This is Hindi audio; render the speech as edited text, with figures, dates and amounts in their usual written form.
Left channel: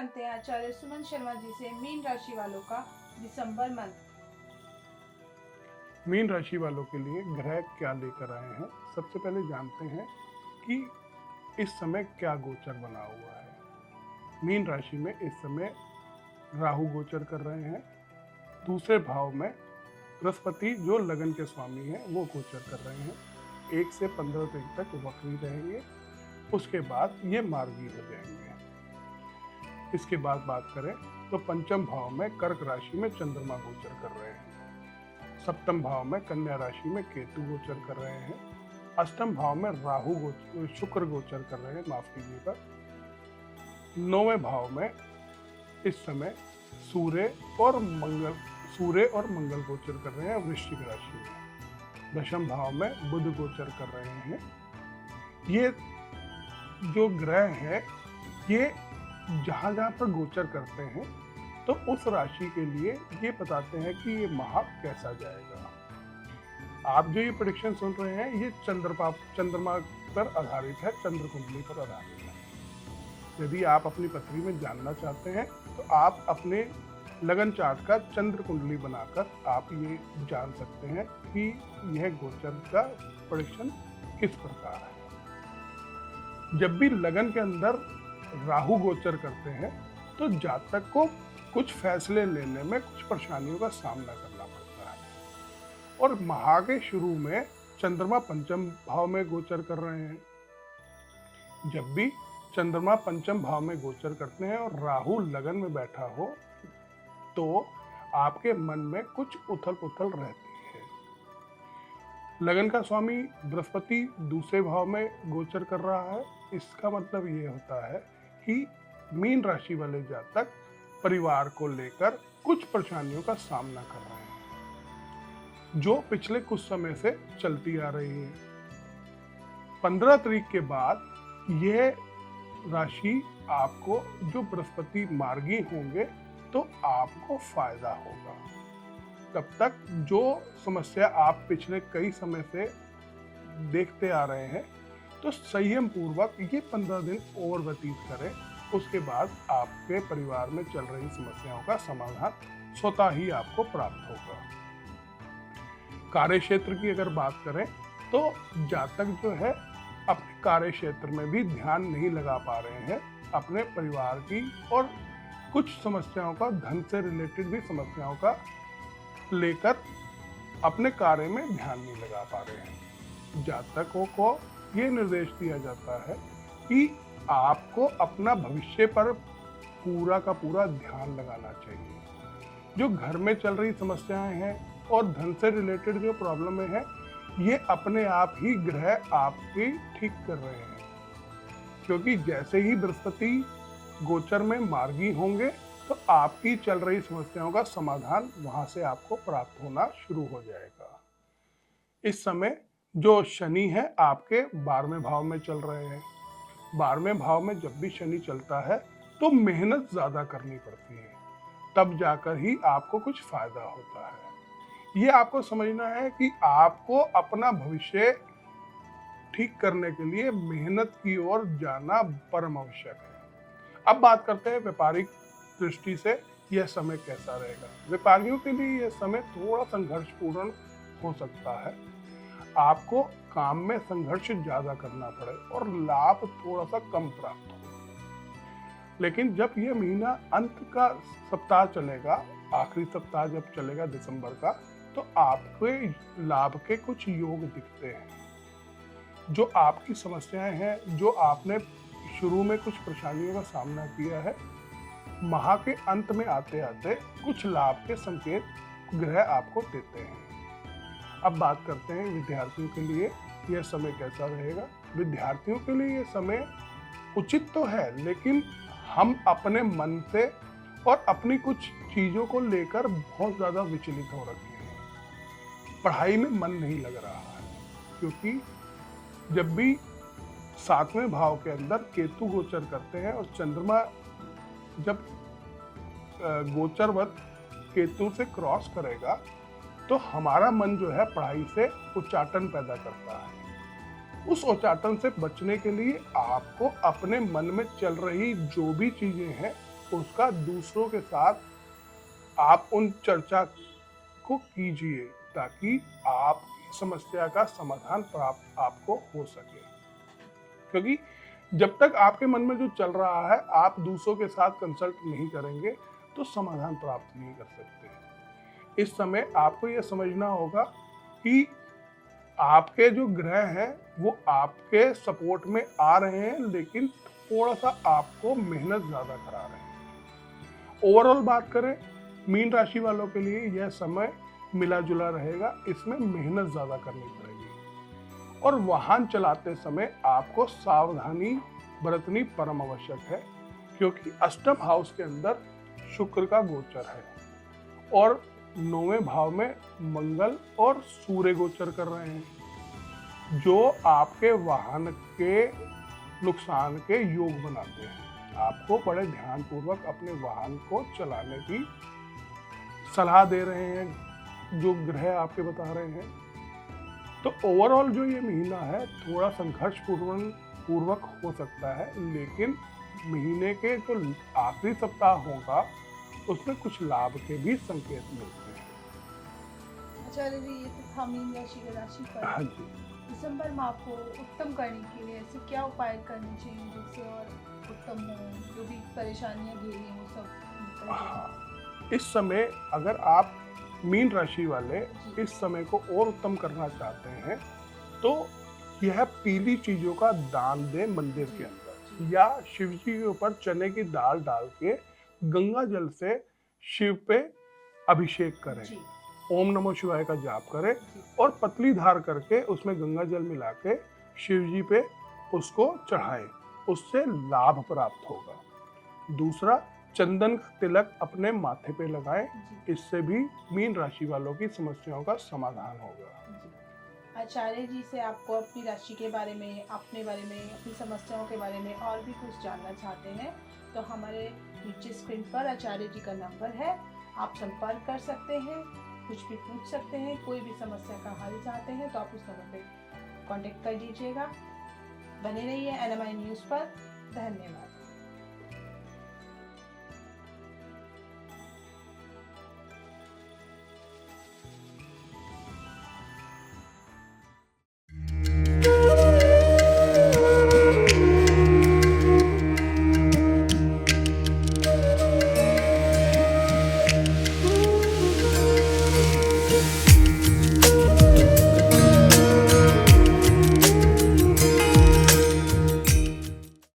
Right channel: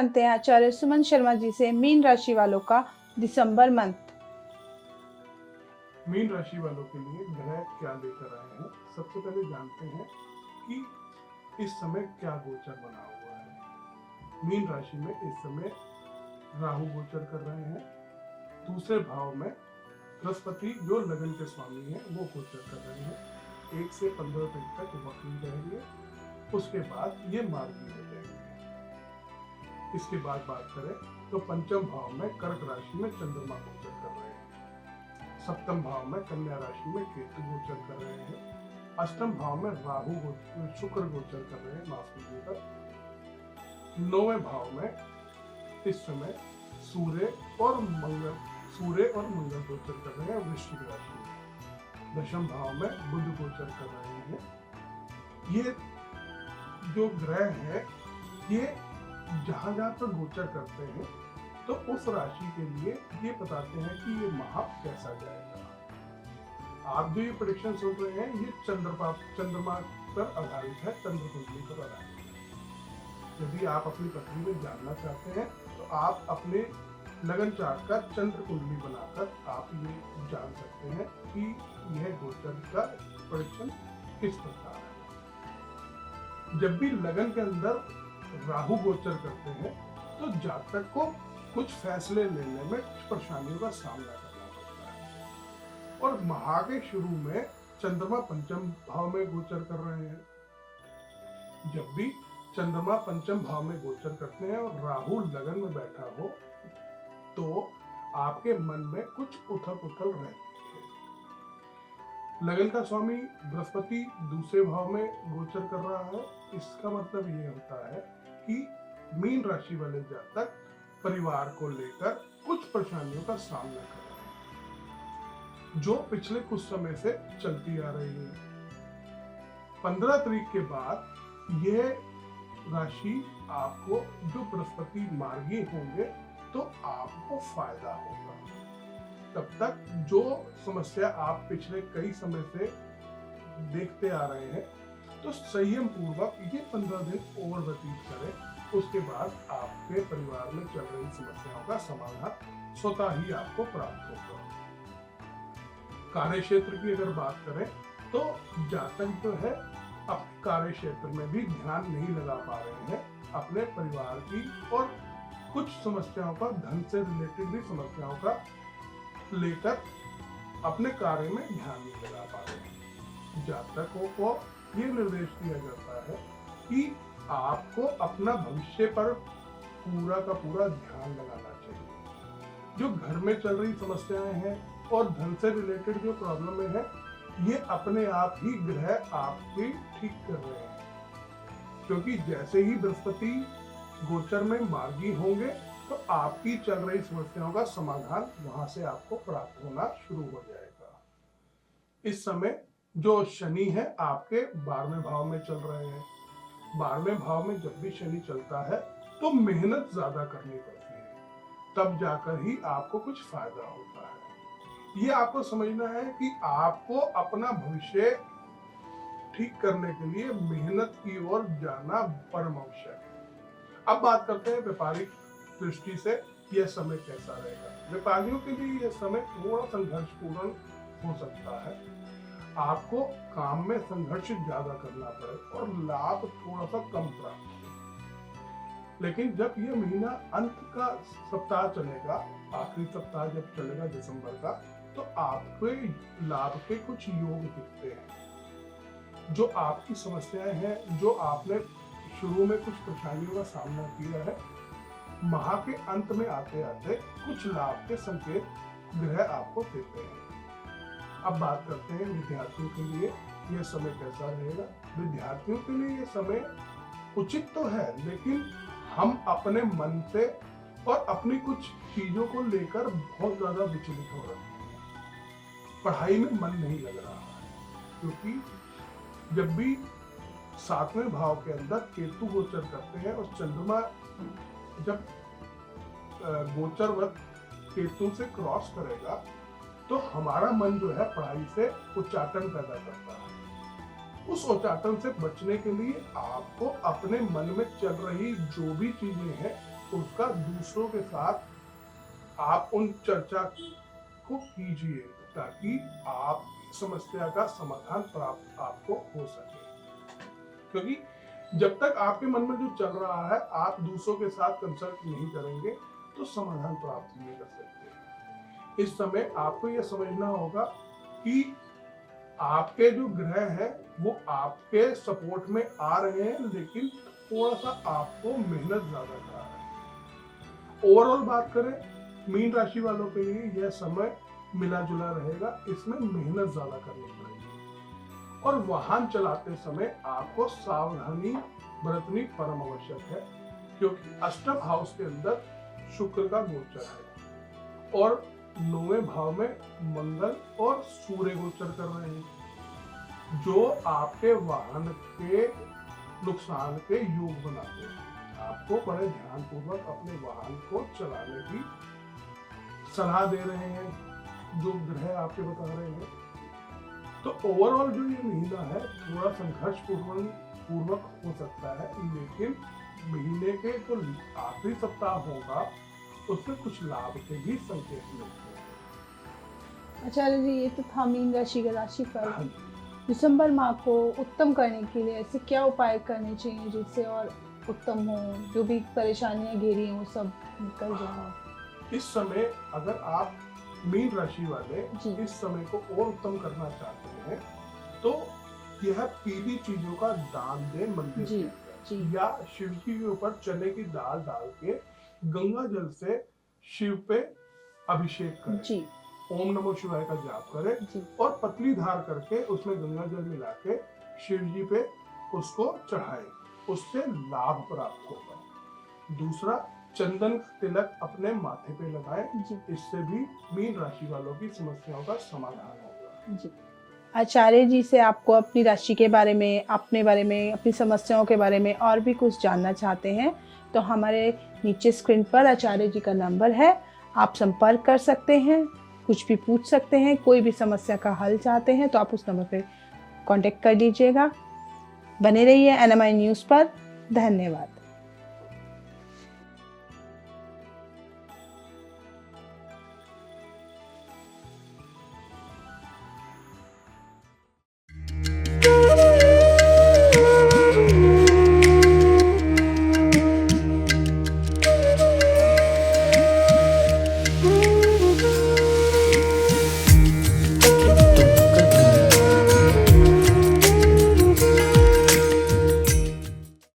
जानते हैं आचार्य सुमन शर्मा जी से मीन राशि वालों का दिसंबर मंथ। मीन राशि वालों के लिए ग्रह क्या लेकर आए हैं, सबसे पहले जानते हैं कि इस समय क्या गोचर बना हुआ है। मीन राशि में इस समय राहु गोचर कर रहे हैं। दूसरे भाव में बृहस्पति जो लगन के स्वामी हैं वो गोचर कर रहे हैं। 1 से 15 दिन तक वक्री रहेंगे, उसके बाद ये मार्गी हो जाएंगे। इसके बाद बात करें तो पंचम भाव में कर्क राशि में चंद्रमा गोचर कर रहे हैं। सप्तम भाव में कन्या राशि में केतु गोचर कर रहे हैं। अष्टम भाव में शुक्र गोचर कर रहे हैं, माफ कीजिएगा। नौवें भाव में इस समय सूर्य और मंगल गोचर कर रहे हैं वृश्चिक राशि में। दशम भाव में बुध गोचर कर रहे हैं। ये जो ग्रह है ये जहां जहां पर गोचर करते हैं तो उस राशि के लिए ये बताते हैं कि ये माह कैसा जाएगा। आप जो ये प्रेडिक्शन सुन रहे हैं ये चंद्रमा पर आधारित है, चंद्र कुंडली पर आधारित है। यदि आप अपनी पत्री में जानना चाहते हैं तो आप अपने लगन चार्ट का चंद्र कुंडली बनाकर आप ये जान सकते हैं कि यह गोचर का प्रेडिक्शन किस प्रकार है। जब भी लगन के अंदर राहु गोचर करते हैं तो जातक को कुछ फैसले लेने में कुछ परेशानियों का सामना करना पड़ता है। और माह के शुरू में चंद्रमा पंचम भाव में गोचर कर रहे हैं। जब भी चंद्रमा पंचम भाव में गोचर करते हैं और राहु लगन में बैठा हो तो आपके मन में कुछ उथल पुथल रहती है। लगन का स्वामी बृहस्पति दूसरे भाव में गोचर कर रहा है। इसका मतलब ये होता है कि मीन राशि वाले जातक परिवार को लेकर कुछ परेशानियों का सामना कर रहे हैं जो पिछले कुछ समय से चलती आ रही है। 15 तारीख के बाद यह राशि आपको जो बृहस्पति मार्गी होंगे तो आपको फायदा होगा। तब तक जो समस्या आप पिछले कई समय से देखते आ रहे हैं तो संयम पूर्वक ये 15 दिन और व्यतीत करें। उसके बाद आपके परिवार में चल रही समस्याओं का समाधान स्वतः ही आपको प्राप्त होगा। कार्य क्षेत्र की अगर बात करें तो जातक जो है अपने कार्य क्षेत्र में भी ध्यान नहीं लगा पा रहे हैं। अपने परिवार की और कुछ समस्याओं का, धन से रिलेटेड भी समस्याओं का लेकर अपने कार्य में ध्यान नहीं लगा पा रहे हैं। जातकों को ये निर्देश दिया जाता है कि आपको अपना भविष्य पर पूरा का पूरा ध्यान लगाना चाहिए। जो घर में चल रही समस्याएं हैं और धन से रिलेटेड जो प्रॉब्लम है ये अपने आप ही ग्रह आपकी ठीक कर रहे हैं, क्योंकि जैसे ही बृहस्पति गोचर में मार्गी होंगे तो आपकी चल रही समस्याओं का समाधान वहां से आपको प्राप्त होना शुरू हो जाएगा। इस समय जो शनि है आपके 12वें भाव में चल रहे हैं। 12वें भाव में जब भी शनि चलता है तो मेहनत ज्यादा करनी पड़ती है, तब जाकर ही आपको कुछ फायदा होता है। ये आपको समझना है कि आपको अपना भविष्य ठीक करने के लिए मेहनत की ओर जाना परम आवश्यक है। अब बात करते हैं व्यापारिक दृष्टि से यह समय कैसा रहेगा। व्यापारियों के लिए यह समय थोड़ा संघर्षपूर्ण हो सकता है। आपको काम में संघर्ष ज्यादा करना पड़े और लाभ थोड़ा सा कम प्राप्त हो। लेकिन जब यह महीना अंत का सप्ताह चलेगा, आखिरी सप्ताह जब चलेगा दिसंबर का, तो आपके लाभ के कुछ योग दिखते हैं। जो आपकी समस्याएं हैं, जो आपने शुरू में कुछ परेशानियों का सामना किया है, माह के अंत में आते आते कुछ लाभ के संकेत ग्रह आपको देते हैं। अब बात करते हैं विद्यार्थियों के लिए यह समय कैसा रहेगा। विद्यार्थियों के लिए यह समय उचित तो है, लेकिन हम अपने मन से और अपनी कुछ चीजों को लेकर बहुत ज्यादा विचलित हो रखे हैं। पढ़ाई में मन नहीं लग रहा है, क्योंकि जब भी 7वें भाव के अंदर केतु गोचर करते हैं और चंद्रमा जब गोचरवत केतु से क्रॉस करेगा तो हमारा मन जो है पढ़ाई से उच्चाटन पैदा करता है। उस उच्चाटन से बचने के लिए आपको अपने मन में चल रही जो भी चीजें हैं उसका दूसरों के साथ आप उन चर्चा को कीजिए ताकि आप समस्या का समाधान प्राप्त आपको हो सके। क्योंकि जब तक आपके मन में जो चल रहा है आप दूसरों के साथ कंसल्ट नहीं करेंगे तो समाधान प्राप्त नहीं कर सकते। इस समय आपको यह समझना होगा कि आपके जो ग्रह हैं वो आपके सपोर्ट में आ रहे हैं, लेकिन थोड़ा सा आपको मेहनत ज्यादा करा रहे हैं। ओवरऑल बात करें मीन राशि वालों के लिए यह समय मिला जुला रहेगा, इसमें मेहनत ज्यादा करनी पड़ेगी और वाहन चलाते समय आपको सावधानी बरतनी परम आवश्यक है, क्योंकि अष्टम हाउस के अंदर शुक्र का गोचर है और 9वें भाव में मंगल और सूर्य गोचर कर रहे हैं, जो आपके वाहन के नुकसान के योग बनाते हैं। आपको बड़े ध्यानपूर्वक अपने वाहन को चलाने की सलाह दे रहे हैं जो ग्रह आपके बता रहे हैं। तो ओवरऑल जो ये महीना है थोड़ा संघर्ष पूर्वक हो सकता है, लेकिन महीने के जो आखिरी सप्ताह होगा उसमें कुछ लाभ के भी संकेत मिलते हैं। आचार्य जी, ये तो था मीन राशि का राशि हाँ फल। जी। दिसंबर माह को उत्तम करने के लिए ऐसे क्या उपाय करने चाहिए जिससे और उत्तम हो, जो भी परेशानियां घेरी हैं वो सब निकल जाए? इस समय अगर आप मीन राशि वाले जी। इस समय को और उत्तम करना चाहते हैं तो यह पीली चीजों का दान दें मंदिर जी, के अंदर, जी। या शिव जी के ऊपर चने की दाल डाल के गंगा जल से शिव पे अभिषेक करें, जी, ओम नमो शिवाय का जाप करें जी। और पतली धार करके उसमें गंगा जल मिला के शिव जी पे उसको चढ़ाएं, उससे लाभ प्राप्त होगा। दूसरा, चंदन का तिलक अपने माथे पे लगाएं, जी, इससे भी मीन राशि वालों की समस्याओं का समाधान होगा। जी। आचार्य जी से आपको अपनी राशि के बारे में, अपने बारे में, अपनी समस्याओं के बारे में और भी कुछ जानना चाहते हैं तो हमारे नीचे स्क्रीन पर आचार्य जी का नंबर है, आप संपर्क कर सकते हैं, कुछ भी पूछ सकते हैं, कोई भी समस्या का हल चाहते हैं तो आप उस नंबर पे कांटेक्ट कर लीजिएगा। बने रहिए NMI न्यूज़ पर। धन्यवाद।